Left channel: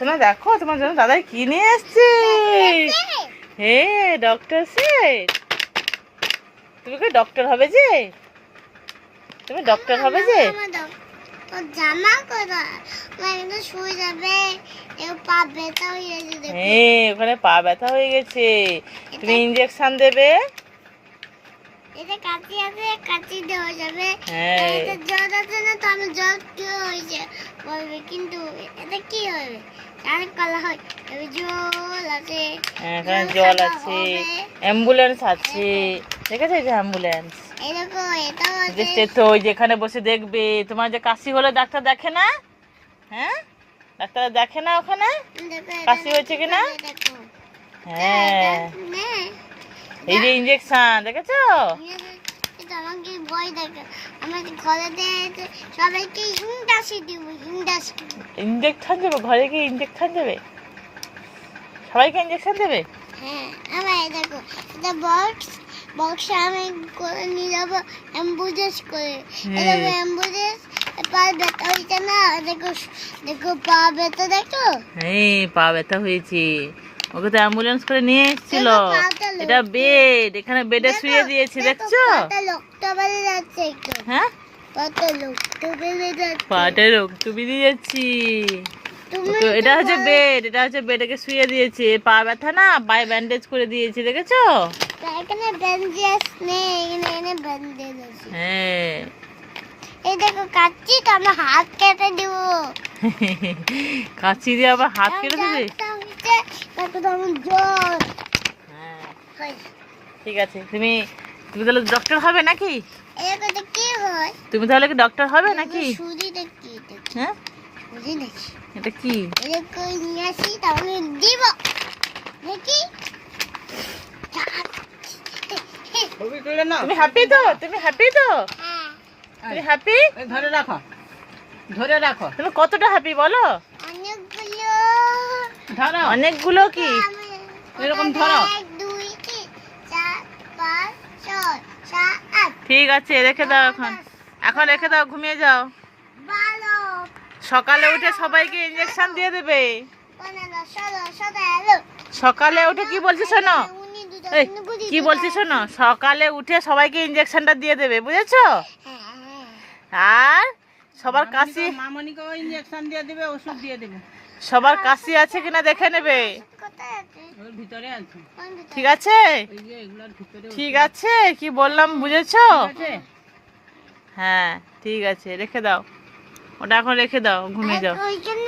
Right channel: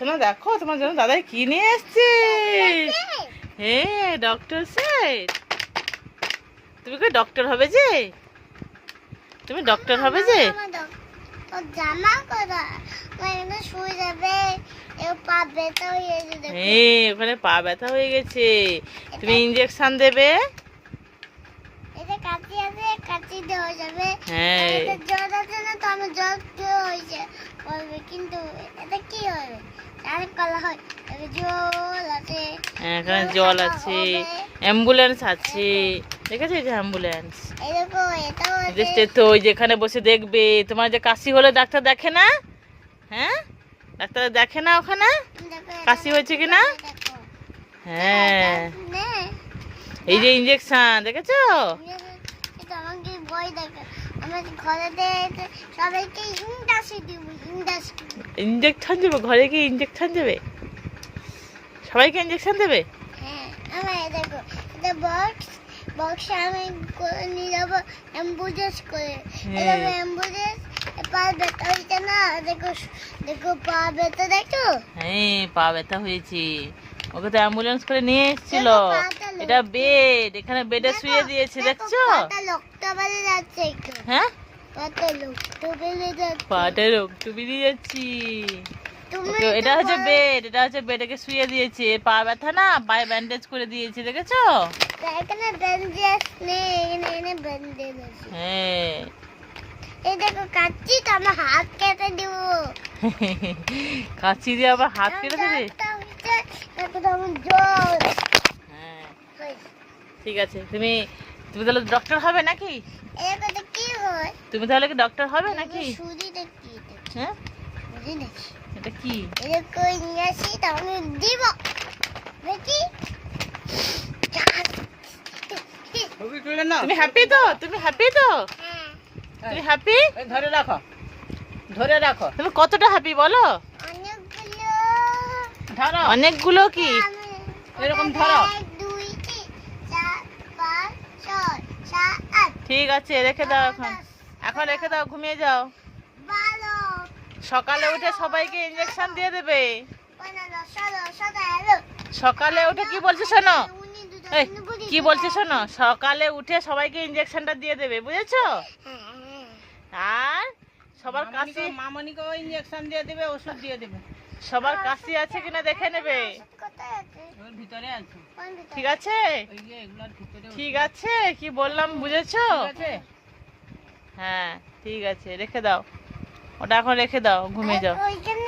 শোনো দেখো তোমার জন্য দাদাই কি নিয়ে এসছে। হে ডক্টর সেট, তুমি কি ডক্টর হবে যে? তুমি ডক্টর হবে যে? জামা করা মানে শুয়ে যাবে, পা ব্যথা হয়ে গেছে। হ্যাঁ ওখানে পা ব্যথা হয়ে গেছে, তুমি ইনজেকশন দেবে। এটা কাটি আছে, কাটি দেওয়া যাবে। হ্যাঁ এটা জল আছে না, তো আমার জল কি হয়েছে বলবে, কিন্তু এটা কি হবে আর কলা হয়। তবে জল আছে, এখানে জল আছে, অ্যাম্বুলেন্স আছে, দেখেছো এই যে অ্যাম্বুলেন্স। এরকম এটাও আছে। তো যেখানে বসে দেখবে, তোমার যে কাশি হলে ডাক্তার দেখে না? হ্যাঁ ডাক্তার দেখে না ওখানে কাশি হয়েছে কিনা? হ্যাঁ এই যে ইনজেকশন দেখেছো? আমাকে ভয় দেখে, আমাকে ঘরে সবাইকে ইন্ডাস্ট্রি দিব, ইন্ডাস্ট্রি ইনজেকশন দেবে ঘরে গিয়ে, ইনজেকশন দেবে সবাইকে, ইনজেকশন দেবে। হ্যাঁ আমার দেখো এটা বক্সে আমি করে নিয়ে যাবো অ্যাম্বুলেন্স করে। অ্যাম্বুলেন্স পা ব্যথা হয়েছে না, দেখো দেখো পা ব্যথা, দেখো হ্যাঁ পা ব্যথা হয়েছে, ওকে তো অ্যাম্বুলেন্স করে নিয়ে এসেছিল। এটা বেড, এখানে বেডে শুয়ে দিয়েছে দেখছো? লোকটা বেড়ে যাচ্ছে, হ্যাঁ কত লোকটা বেড়ে যাচ্ছে, পাটা রক্ত বেরিয়ে যাচ্ছি। এটা হচ্ছে বেড, এটা হচ্ছে বেডকে শুয়ে দিয়েছে, পা ব্যথা না, পায়ে ব্যান্ডেজ করে দিয়েছে দেখেছো? এখানে ব্যান্ডেজ নেই, এখানে ব্যান্ডেজ আছে। হ্যাঁ এই দেখো কাচ্চি, তো আমার হাত কেটে দিব। কাঁচি দিয়ে আবার হাত কেটে দেবে? হ্যাঁ ঠিক আছে, তুমি তুমি তাহলে ডক্টর হবে নাকি? কি হয়, তুমি তাহলে কি ডক্টর হবে নাকি? সুজিটা কি? হ্যাঁ বুঝি নাকি এটা কি? এরকম নিয়ে আসি, তাহলে দিব দেখি। তুমি হ্যাপি তো? তুমি হ্যাপি তো? তুমি হ্যাপি? ধরে রাখো, ধরে রাখো। তুমি কতটা হ্যাপি বলো? অনেকগুলো, ধরো অনেকগুলো কি? এরকম ধরো। 1 2 3 4 5 6 7 8। ঠিক আছে রেখে দাও, এখন এখন রেখে দাও, ঘুমিয়ে যাও। ভালো সকালে উঠে সবাইকে ইনজেকশন দিয়ে দেবে। বানানো, সরো সরো এলো। সকালে উঠে কি বলছি শোনো, এই, কি বলছি শোনো, সকালে উঠে সবাইকে ইনজেকশনটা দিয়ে দেবে, বুঝেছো? আর সবার কাশি, মামনিকে ইনজেকশন দিয়ে দেবে, ওষুধ দিয়ে দেবে। সবার কাশি আছে কিনা দেখে নেবে, কোথায় আছে? ওর ভিতরে আছে, কোন ভিতরে? ঠিক আছে? এই যে এগুলোর ভিতরে ঠিক আছে কি বললাম বুঝেছো? আছে। হ্যাঁ ঠিক আছে রেখে দাও, ওটা এখন রেখে দাও, ঘুমিয়ে যাও। ওইখানে